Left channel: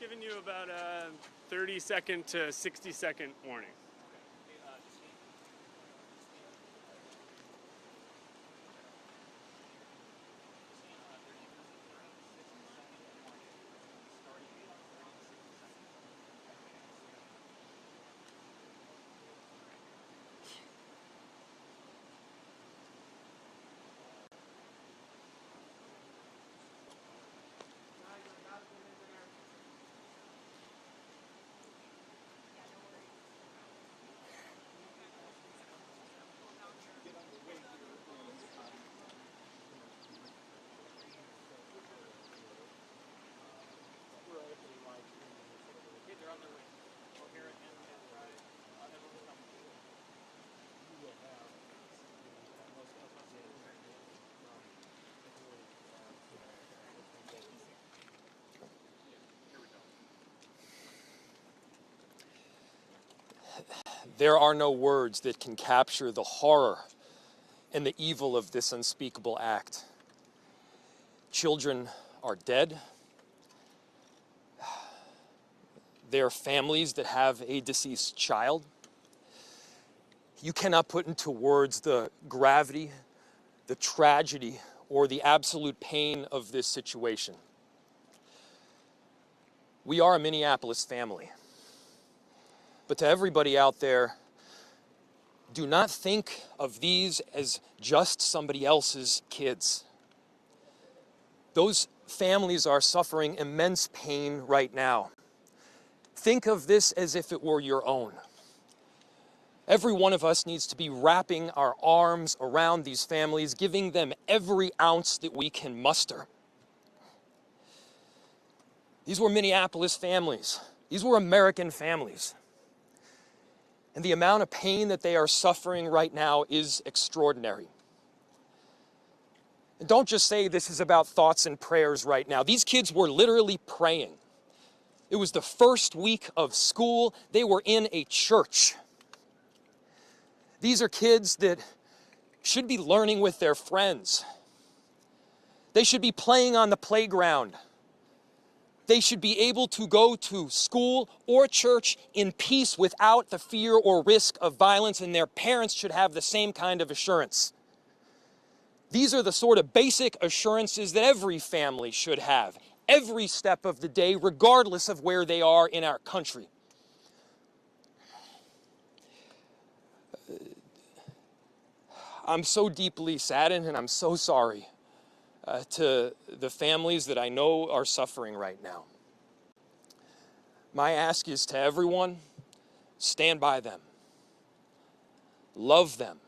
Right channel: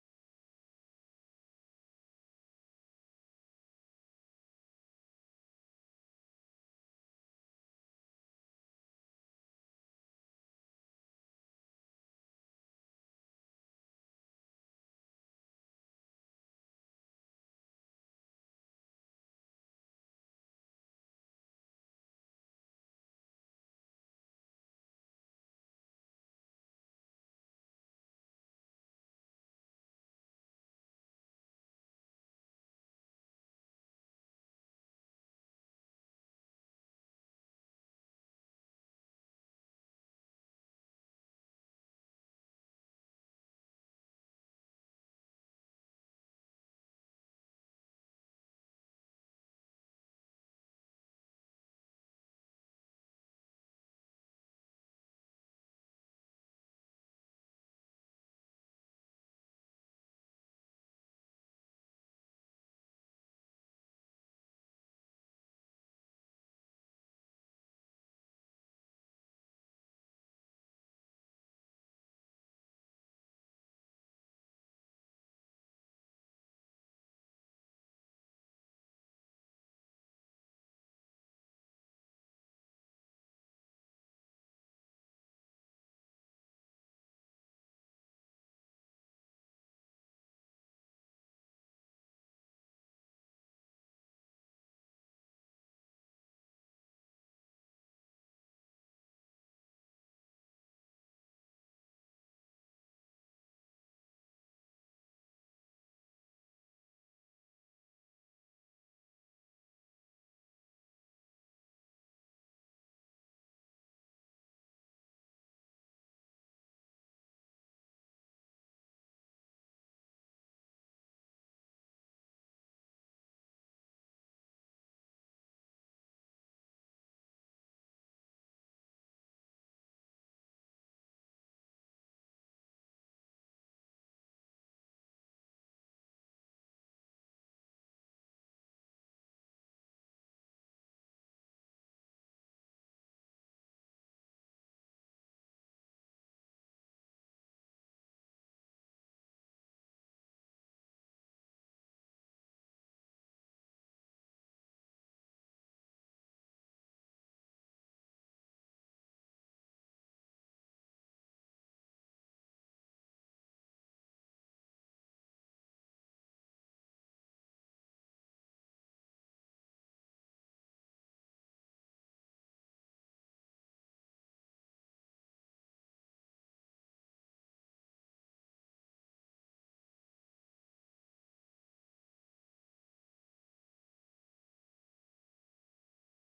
giving you about a 30-second to 60-second warning. There are no words that can capture the horror and the evil of this unspeakable act. Children are dead. There are families that have a deceased child. You cannot put into words the gravity, the tragedy, or the absolute pain of this situation. We are a Minneapolis family. But to everybody out there, do not think of these as just somebody else's kids. Those families are suffering immense pain right now. Think of this as if it were your own. Every one of us needs to be wrapping our arms around these families, giving them every ounce that we can muster. These were Minneapolis families. These were American families. And the amount of pain that they are suffering right now is extraordinary. And don't just say this is about thoughts and prayers right now. These kids were literally praying. It was the first week of school. They were in a church. These are kids that should be learning with their friends. They should be playing on the playground. They should be able to go to school or church in peace without the fear or risk of violence, and their parents should have the same kind of assurance. These are the sort of basic assurances that every family should have, every step of the day, regardless of where they are in our country. I'm so deeply saddened, and I'm so sorry to the families that I know are suffering right now. My ask is to everyone, stand by them. Love them.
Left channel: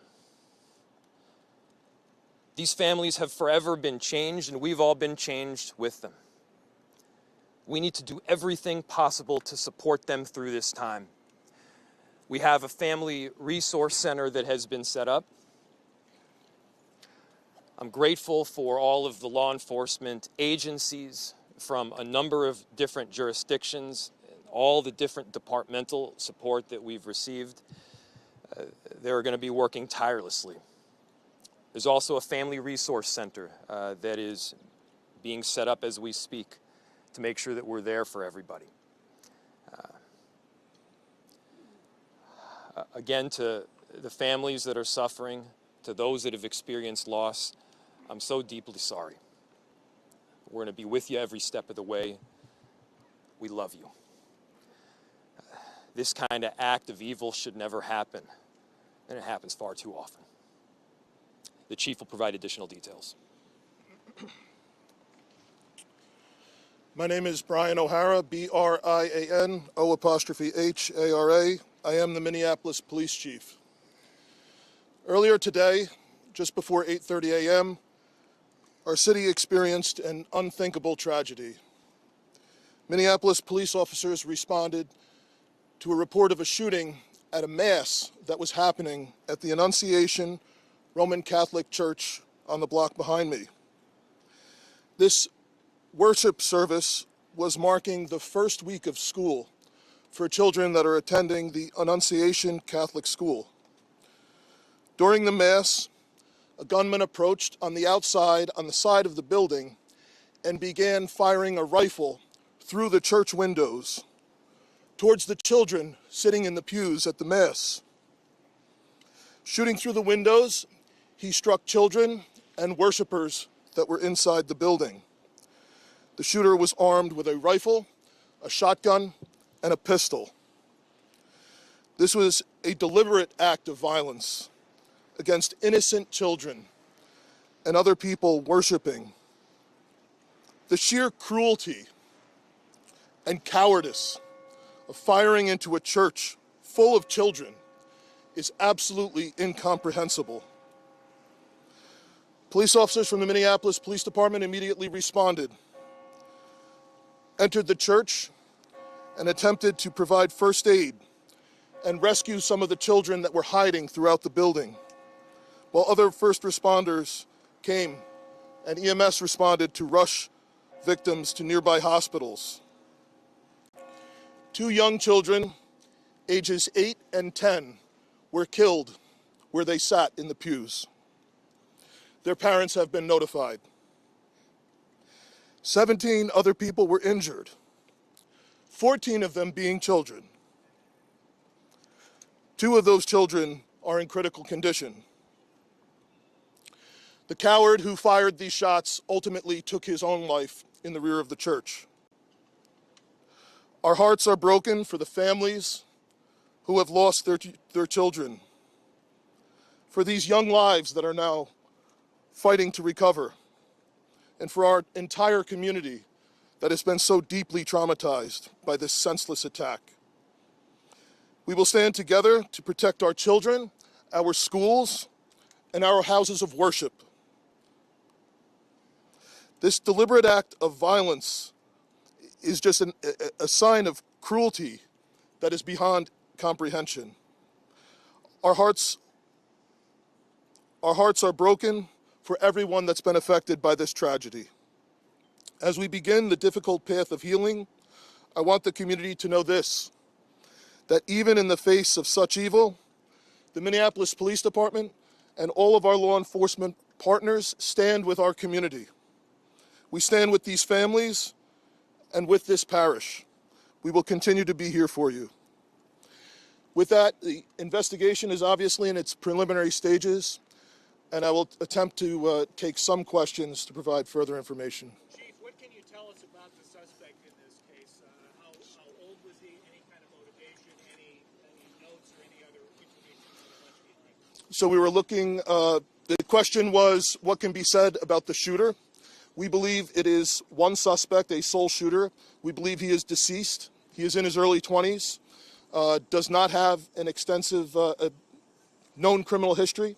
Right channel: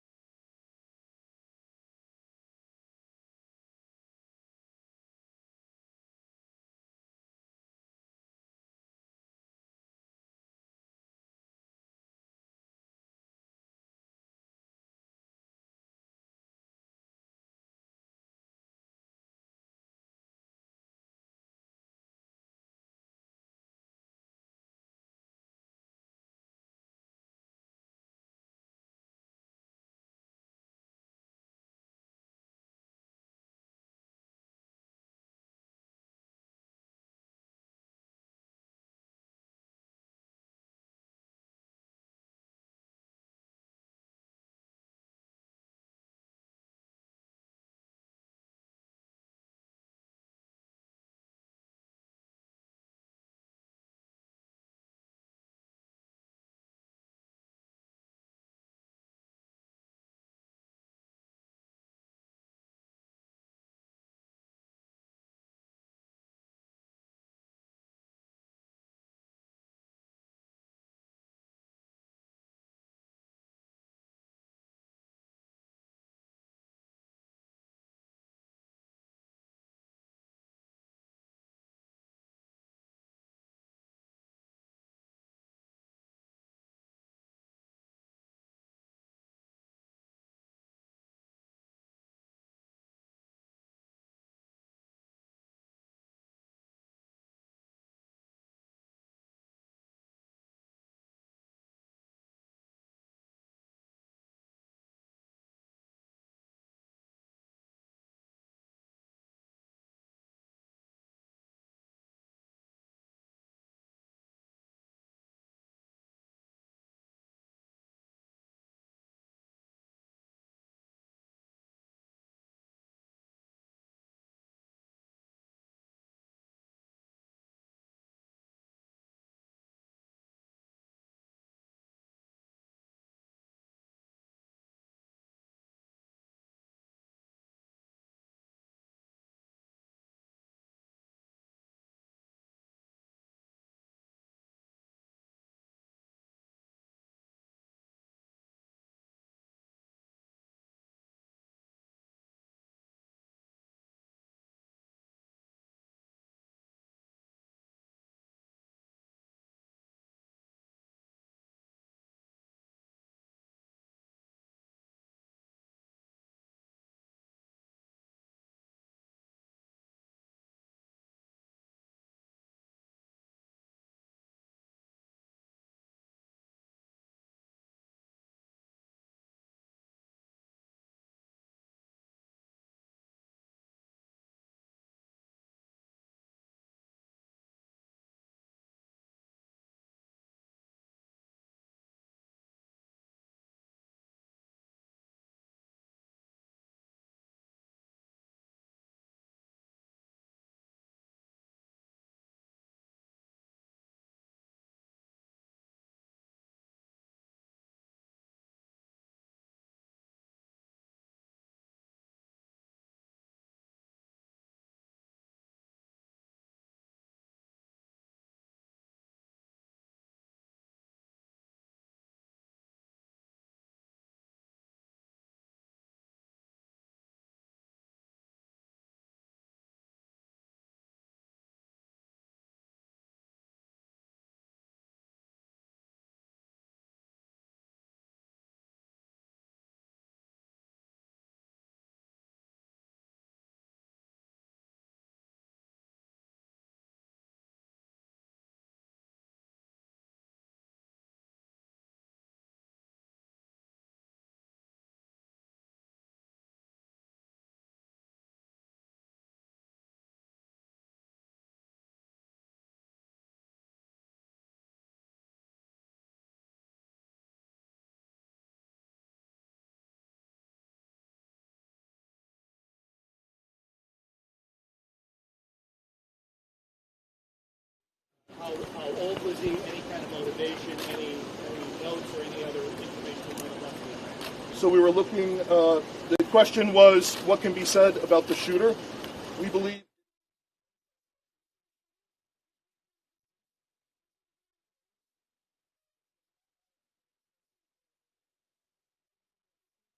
These families have forever been changed, and we've all been changed with them. We need to do everything possible to support them through this time. We have a family resource center that has been set up. I'm grateful for all of the law enforcement agencies from a number of different jurisdictions, all the different departmental support that we've received. They're going to be working tirelessly. There's also a family resource center that is being set up as we speak to make sure that we're there for everybody. Again, to the families that are suffering, to those that have experienced loss, I'm so deeply sorry. We're going to be with you every step of the way. We love you. This kind of act of evil should never happen, and it happens far too often. The chief will provide additional details. My name is Brian O'Hara, B-R-I-A-N-O''H-A-R-A. I am the Minneapolis Police Chief. Earlier today, just before 8:30 a.m., our city experienced an unthinkable tragedy. Minneapolis police officers responded to a report of a shooting at a mass that was happening at the Annunciation Roman Catholic Church on the block behind me. This worship service was marking the first week of school for children that are attending the Annunciation Catholic School. During the mass, a gunman approached on the outside on the side of the building and began firing a rifle through the church windows towards the children sitting in the pews at the Mass. Shooting through the windows, he struck children and worshipers that were inside the building. The shooter was armed with a rifle, a shotgun, and a pistol. This was a deliberate act of violence against innocent children and other people worshiping. The sheer cruelty and cowardice of firing into a church full of children is absolutely incomprehensible. Police officers from the Minneapolis Police Department immediately responded, entered the church, and attempted to provide first aid and rescue some of the children that were hiding throughout the building, while other first responders came and EMS responded to rush victims to nearby hospitals. 2 young children, ages 8 and 10, were killed where they sat in the pews. Their parents have been notified. 17 other people were injured, 14 of them being children. 2 of those children are in critical condition. The coward who fired these shots ultimately took his own life in the rear of the church. Our hearts are broken for the families who have lost their children, for these young lives that are now fighting to recover, and for our entire community that has been so deeply traumatized by this senseless attack. We will stand together to protect our children, our schools, and our houses of worship. This deliberate act of violence is just a sign of cruelty that is beyond comprehension. Our hearts are broken for everyone that's been affected by this tragedy. As we begin the difficult path of healing, I want the community to know this, that even in the face of such evil, the Minneapolis Police Department and all of our law enforcement partners stand with our community. We stand with these families and with this parish. We will continue to be here for you. With that, the investigation is obviously in its preliminary stages, and I will attempt to take some questions to provide further information. Chief, what can you tell us about the suspect in this case? How old was he? Any kind of motivation? Any notes or any other information you might have left behind? So we were looking, the question was, what can be said about the shooter? We believe it is one suspect, a sole shooter. We believe he is deceased. He is in his early 20s, does not have an extensive known criminal history,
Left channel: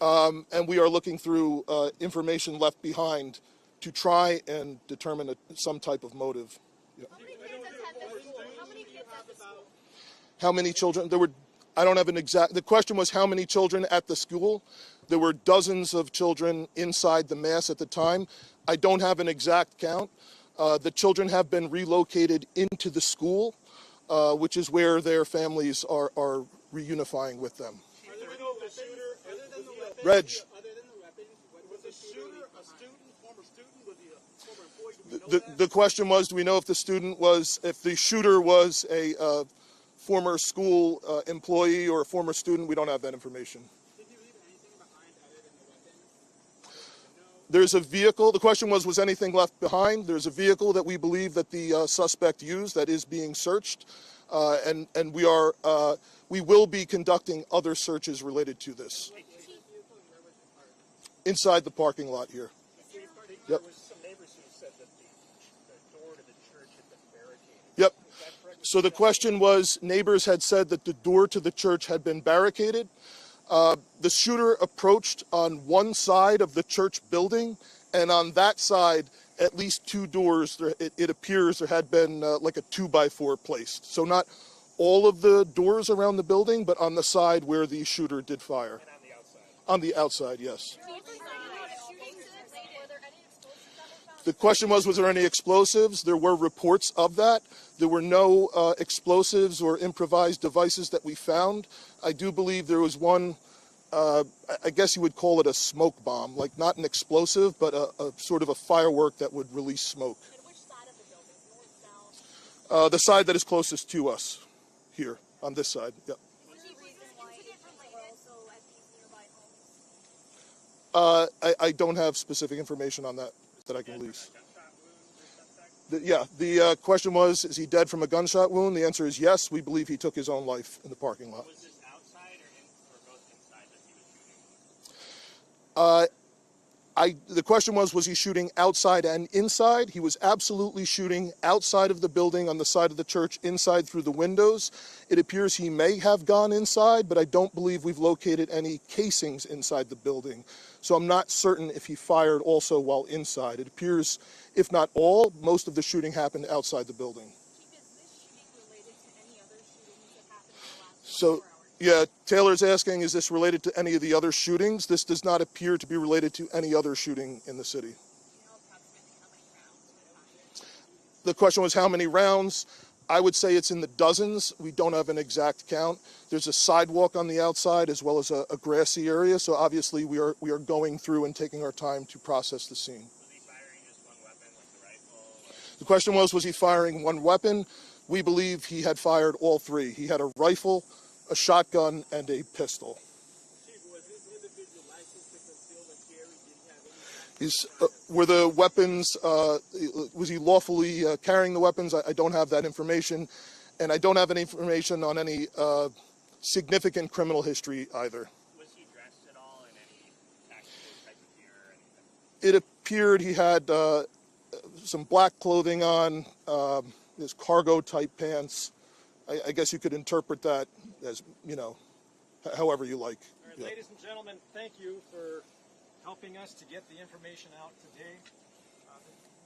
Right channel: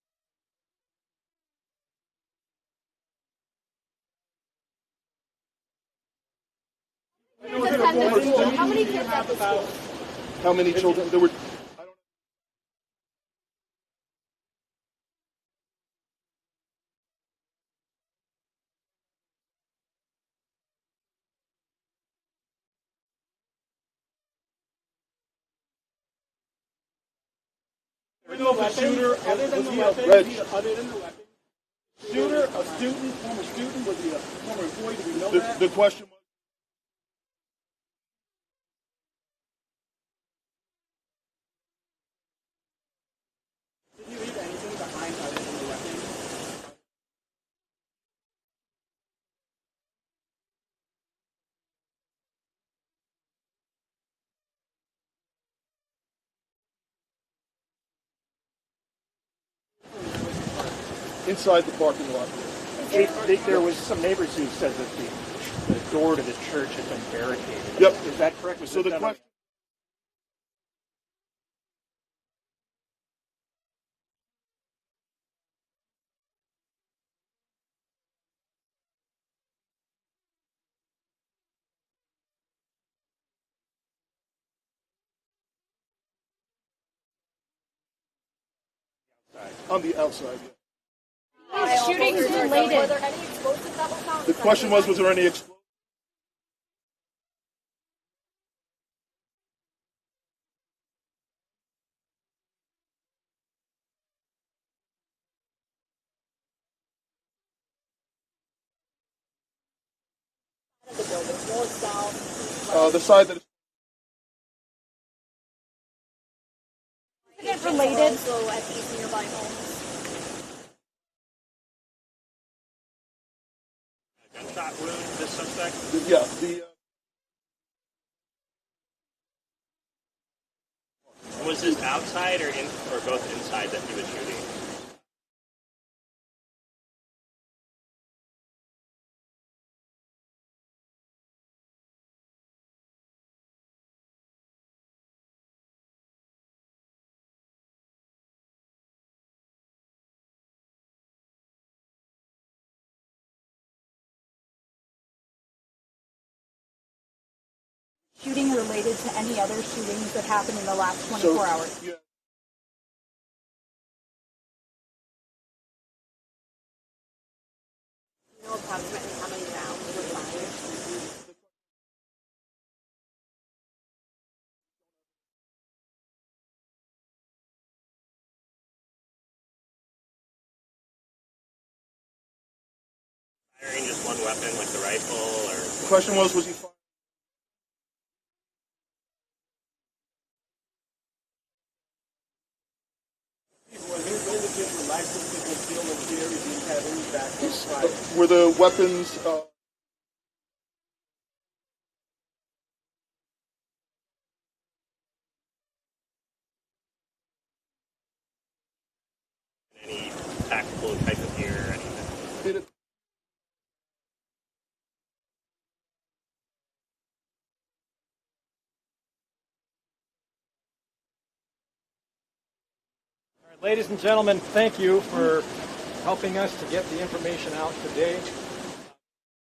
and we are looking through information left behind to try and determine some type of motive. Yeah. How many kids at the school? How many children? There were, I don't have an exact, the question was how many children at the school. There were dozens of children inside the Mass at the time. I don't have an exact count. The children have been relocated into the school, which is where their families are reunifying with them. Other than the weapons, Reg. was the shooter a student, former student? Was he a former employee? Do we know that? The question was, do we know if the shooter was a former school employee or a former student? We don't have that information. Did you leave anything behind other than the weapons? There's a vehicle. The question was anything left behind? There's a vehicle that we believe that the suspect used that is being searched, and we will be conducting other searches related to this. Inside the parking lot here. There was some neighbors who said that the door to the church had been barricaded. Yep. Is that correct? So the question was, neighbors had said that the door to the church had been barricaded. The shooter approached on one side of the church building, and on that side, at least 2 doors, it appears there had been like a 2x4 placed. So not all of the doors around the building, but on the side where the shooter did fire. And on the outside? On the outside, yes. Shootings related. Were there any explosives that were found? The question was there any explosives? There were reports of that. There were no explosives or improvised devices that we found. I do believe there was one, I guess you would call it a smoke bomb, like not an explosive, but a sort of a firework that would release smoke. And which side The building, north, south. The side that is closest to us, here, on this side, yeah. Is it related? Also at these nearby homes. I don't have specific information on that I can release. Gunshot wound, this suspect? Yeah, the question was, is he dead from a gunshot wound? The answer is yes. We believe he took his own life in the parking lot. Was this outside or both inside that he was shooting? The question was he shooting outside and inside? He was absolutely shooting outside of the building on the side of the church, inside through the windows. It appears he may have gone inside, but I don't believe we've located any casings inside the building. So I'm not certain if he fired also while inside. It appears, if not all, most of the shooting happened outside the building. Shooting related to any other shootings that happened in the last 24 hours? Yeah, Taylor's asking, is this related to any of the other shootings? This does not appear to be related to any other shooting in the city. You know approximately how many rounds were fired? The question was how many rounds? I would say it's in the dozens. We don't have an exact count. There's a sidewalk on the outside as well as a grassy area, so obviously we are going through and taking our time to process the scene. Was he firing just one weapon, like the rifle, or? The question was he firing one weapon? We believe he had fired all three. He had a rifle, a shotgun, and a pistol. Were the weapons, was he lawfully carrying the weapons? I don't have that information. And I don't have any information on any significant criminal history either. Was he dressed at all in any tactical type of gear or anything? It appeared he had some black clothing on, his cargo type pants. I guess you could interpret that as, however you like. All right, ladies and gentlemen, thank you for helping us to get the information out today.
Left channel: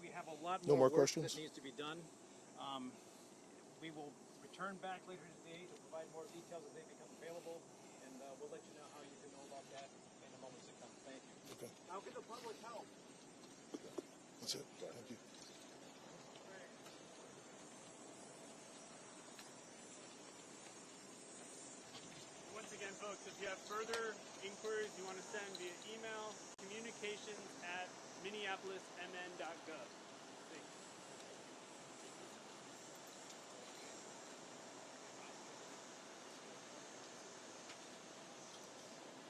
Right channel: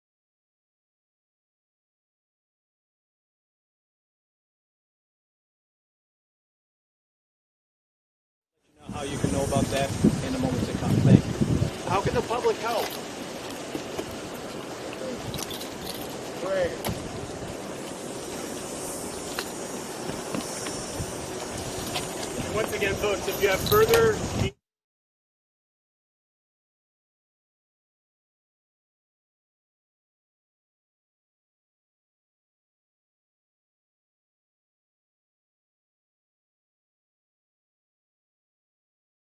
We have a lot No more work questions? that needs to be done. We will return back later today to provide more details as they become available, and we'll let you know how you can know about that in the moments to come. Thank you. How can the public help? Great. Once again, folks, if you have further inquiries you want to send via email, communications@minneapolismn.gov. Thanks.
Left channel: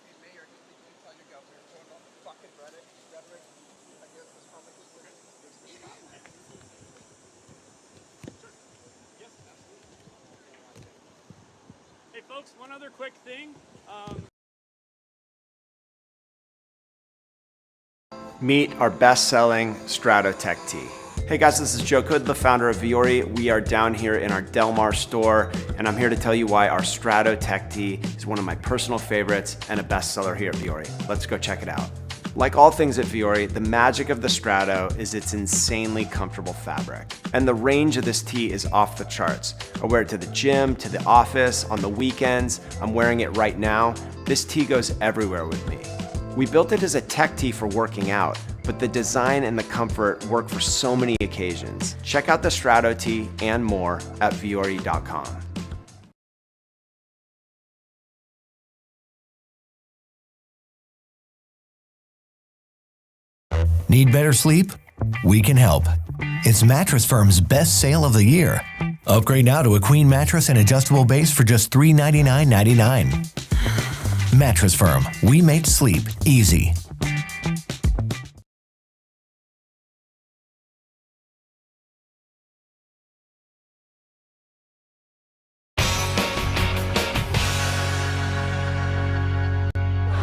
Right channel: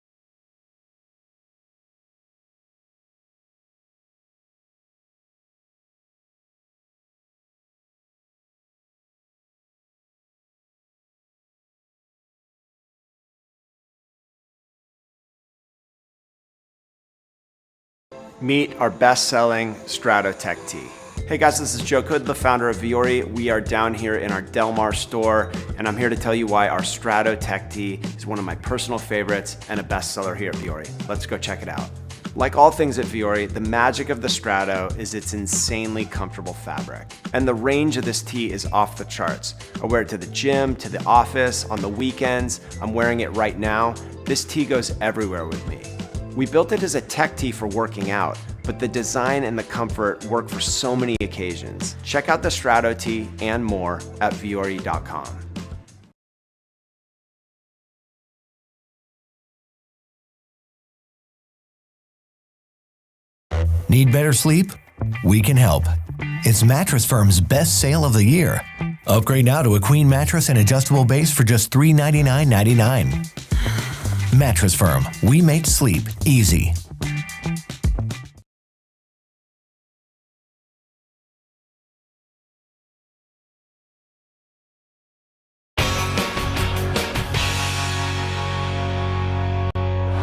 Hey, Mayor, did you tell your governor to about the fucking rhetoric against this public discourse? Hey, folks, one other quick thing. Meet our best-selling Stratotech tee. Hey guys, this is Joe Cood, the founder of Viore. We are down here in our Del Mar store, and I'm here to tell you why our Stratotech tee is one of my personal favorites and a bestseller here at Viore. Let's go check it out. Like all things at Viore, the magic of the Strato is its insanely comfortable fabric. And the range of this tee is off the charts. I wear it to the gym, to the office, on the weekends. I'm wearing it right now. This tee goes everywhere with me. We built it as a tech tee for working out, but the design and the comfort work for so many occasions. Check out the Strato tee and more at viore.com. Need better sleep? We can help. It's Mattress Firm's best sale of the year. Upgrade now to a queen mattress and adjustable base for just $399.99. Mattress Firm, we make sleep easy.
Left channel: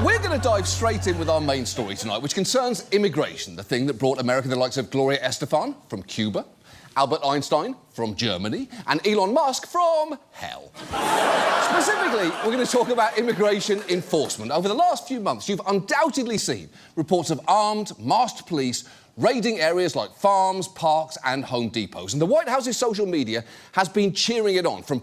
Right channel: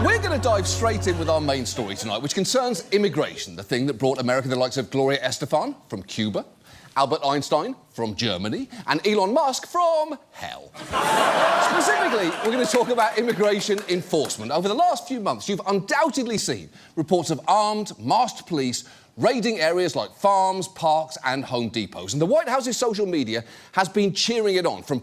We're going to dive straight in with our main story tonight, which concerns immigration, the thing that brought America the likes of Gloria Estefan from Cuba, Albert Einstein from Germany, and Elon Musk from hell. Specifically, we're going to talk about immigration enforcement. Over the last few months, you've undoubtedly seen reports of armed, masked police raiding areas like farms, parks, and Home Depots. And the White House's social media has been cheering it on, from